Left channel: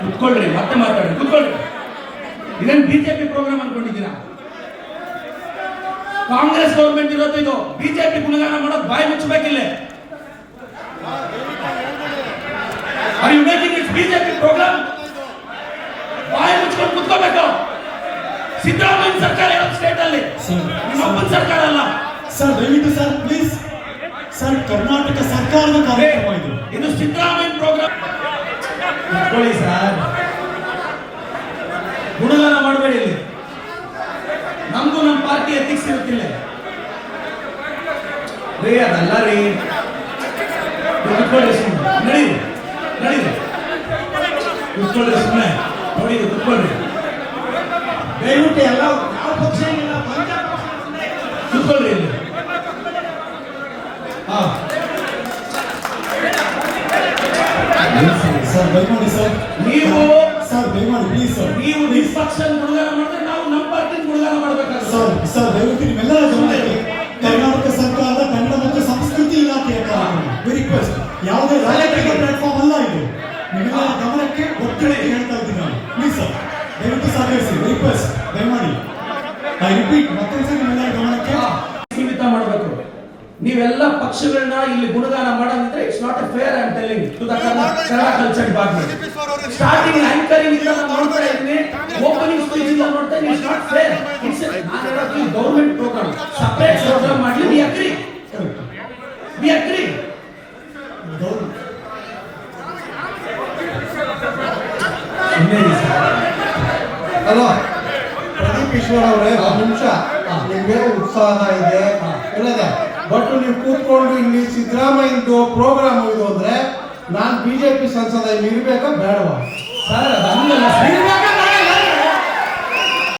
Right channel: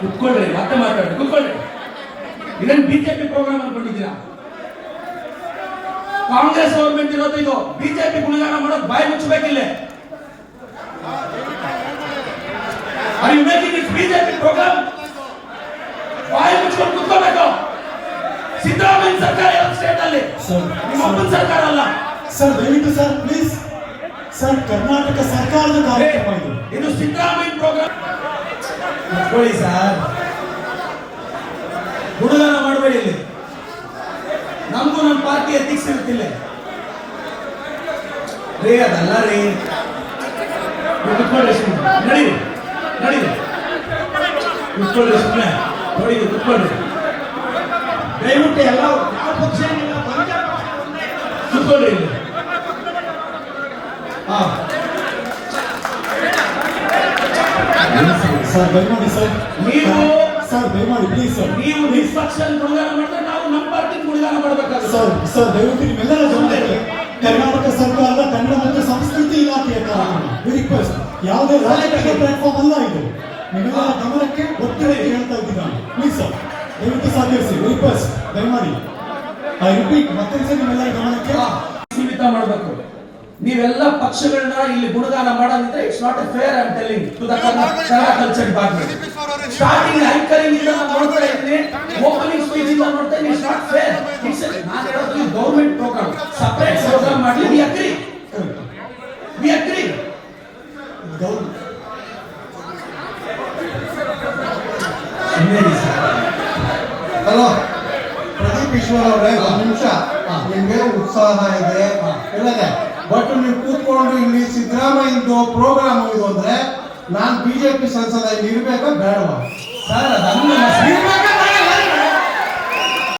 ಕುತ್ಕೊಳ್ರಿ ಮತ್ತೆ ಮಾತಾಡ್ರಿ ಕುತ್ಕೊಳ್ರಿ. ಇದನ್ನ ಬಿಜೆಪಿ ಪ್ರೋಗ್ರಾಮ್ ಅನ್ಕೊಂಡಿದ್ದೀರಾ? ಕಾಂಗ್ರೆಸ್ ಗೌರ್ಮೆಂಟ್ ಇರೋದು ಇದು. ಬಿಜೆಪಿ ಗುಣಗಾನ ಮಾಡೋದು ಬಾಯಿ ಮುಚ್ಚಬೇಕಿಲ್ಲ. ಬಿಜೆಪಿ ಪ್ರೋಗ್ರಾಮ್ ಬಾಯಿ ಮುಚ್ಕೊಂಡು ಕುತ್ಕೋಬೇಕು ಸಿದ್ದರಾಮಯ್ಯ ಸರ್ಕಾರ ಇರೋದು ಸ್ಟೇಟ್ ಅಲ್ಲಿ? ನಿಮ್ಮ ಸರ್ಕಾರ ಅಲ್ಲ. ಸರ್ ದಯವಿಟ್ಟು ಸರ್ ಪ್ಲೀಸ್ ಸರ್ ಕರ್ನಾಟಕ ಸರ್ಕಾರದ ಕಾರ್ಯಕ್ರಮ ಇದು ಇದು ಸಿದ್ದರಾಮಯ್ಯ ಪ್ರೋಗ್ರಾಮ್ ಕುತ್ಕೊಳ್ಳಿ ಸರ್ ಗುಣಗಾನ ಮಾಡಬೇಡಿ ಇಲ್ಲಿ ನಮ್ದು ನಮ್ಮ ಪಾರ್ಟಿ ಎಥಿಕ್ಸ್ ಇರುತ್ತಿಲ್ಲ ರೀ ಅದಲ್ಲ ರೀ ನೀವು ಕುತ್ಕೊಳ್ಳಿ ಸುಮ್ಮನೆ ನಡೀರಿ ನಡೀರಿ ಕುತ್ಕೊಳ್ಳಿ ಸುಮ್ಮನೆ ನೋಡಿ ಕುತ್ಕೊಳ್ಳಿ ದಯವಿಟ್ಟು ಎಲ್ಲ ಯಾವ ಪಕ್ಷ ಏನಿಲ್ಲ, ಒಂದೇ ಪಕ್ಷ. ಕುತ್ಕೊಳ್ಳಿ ಇಲ್ಲಿ ಹಾ ಸರ್ ದಯಮಾಡಿ ಸರ್ ನೀವು ಸರ್ ದಯಮಾಡಿ ಪ್ಲೀಸ್ ಸರ್ ನೀವು ನಿಷ್ಪಕ್ಷ ಗುಣಗಾನ ಮಾಡಿದ್ರೆ ನಾವು ನಮ್ಮ ಪಾರ್ಟಿ ಗುಣಗಾನ ಮಾಡಬೇಕಾಗುತ್ತೆ ಸರ್ ಸರ್ ದಯವಿಟ್ಟು ನಿಮ್ಮೆಲ್ಲರ ಗಮನಕ್ಕೆ ಕರ್ನಾಟಕ ಸರ್ಕಾರ ಕನ್ನಡ ಮತ್ತು ಸಂಸ್ಕೃತಿ ಇಲಾಖೆ ರಿಕ್ವೆಸ್ಟ್ ಯಾವುದೇ ರಾಜಕೀಯ ಪ್ಲಾಟ್ಫಾರ್ಮ್ ಅಲ್ಲ ಇದು. ನಿಮ್ಮೆಲ್ಲರ ಗಮನಕ್ಕೆ ಒತ್ತಿಗೆ ಹೇಳ್ತಾ ಇದ್ದೀನಿ ನಾನು. ಪ್ಲೀಸ್ ಸರ್ ದಯವಿಟ್ಟು ಸಹಕರಿಸಿ. ರಿಕ್ವೆಸ್ಟ್ ದಯಮಾಡಿ ಐ ರಿಪೀಟ್ ಮತ್ತೊಂದು ನಿಮ್ಮೆಲ್ಲರ ಗಮನಕ್ಕೆ ನೀವೆಲ್ಲ ಪಕ್ಷಗಳನ್ನ ಇಲ್ಲಿ ಗುಣಗಾನ ಮಾಡೋದಿದ್ರೆ it's not a fair and telling to the Kannada culture department starting anchoring ಇಂದ ನಾನು ನೋಡ್ತಾ ಇದ್ದೀನಿ. ಓಪನಿಂಗ್ ಸ್ಪೀಚ್ ಇಂದ ನೋಡ್ತಾ ಇದ್ದೀನಿ. ಇಟ್ಸ್ ನಾಟ್ ಫೇರ್ ಇಟ್ಸ್ ನಾನು ಹೇಳೋದು ಗೌರ್ಮೆಂಟ್ ಪ್ರೋಗ್ರಾಮ್ ಸಪರೇಟ್ ಪ್ರೋಗ್ರಾಮ್ ಮಾಡಿ ವಿ ಅಗ್ರಿ ವಿ ಅಗ್ರಿ ಅಲ್ವಾ ಪ್ರದೀಪ್ ಈಶ್ವರ್ ಅವರೇ, ಒಂದು ನಿಮಿಷ. ನಿಮ್ಗೆ ಉತ್ಸಾಹ ಇದೆ. ಬಟ್ ನೀವು ಕೂತ್ಕೊಂಡು ಇಲ್ಲಿ ಸಿದ್ದರಾಮಯ್ಯದು ಪ್ರೋಗ್ರಾಮ್ ಇದು ಅಂದ್ರೆ ನಾನು ಬಿಜೆಪಿ ಸಂಸದ ಇರ್ಬೇಕಾ, ಬೇಡವಾ?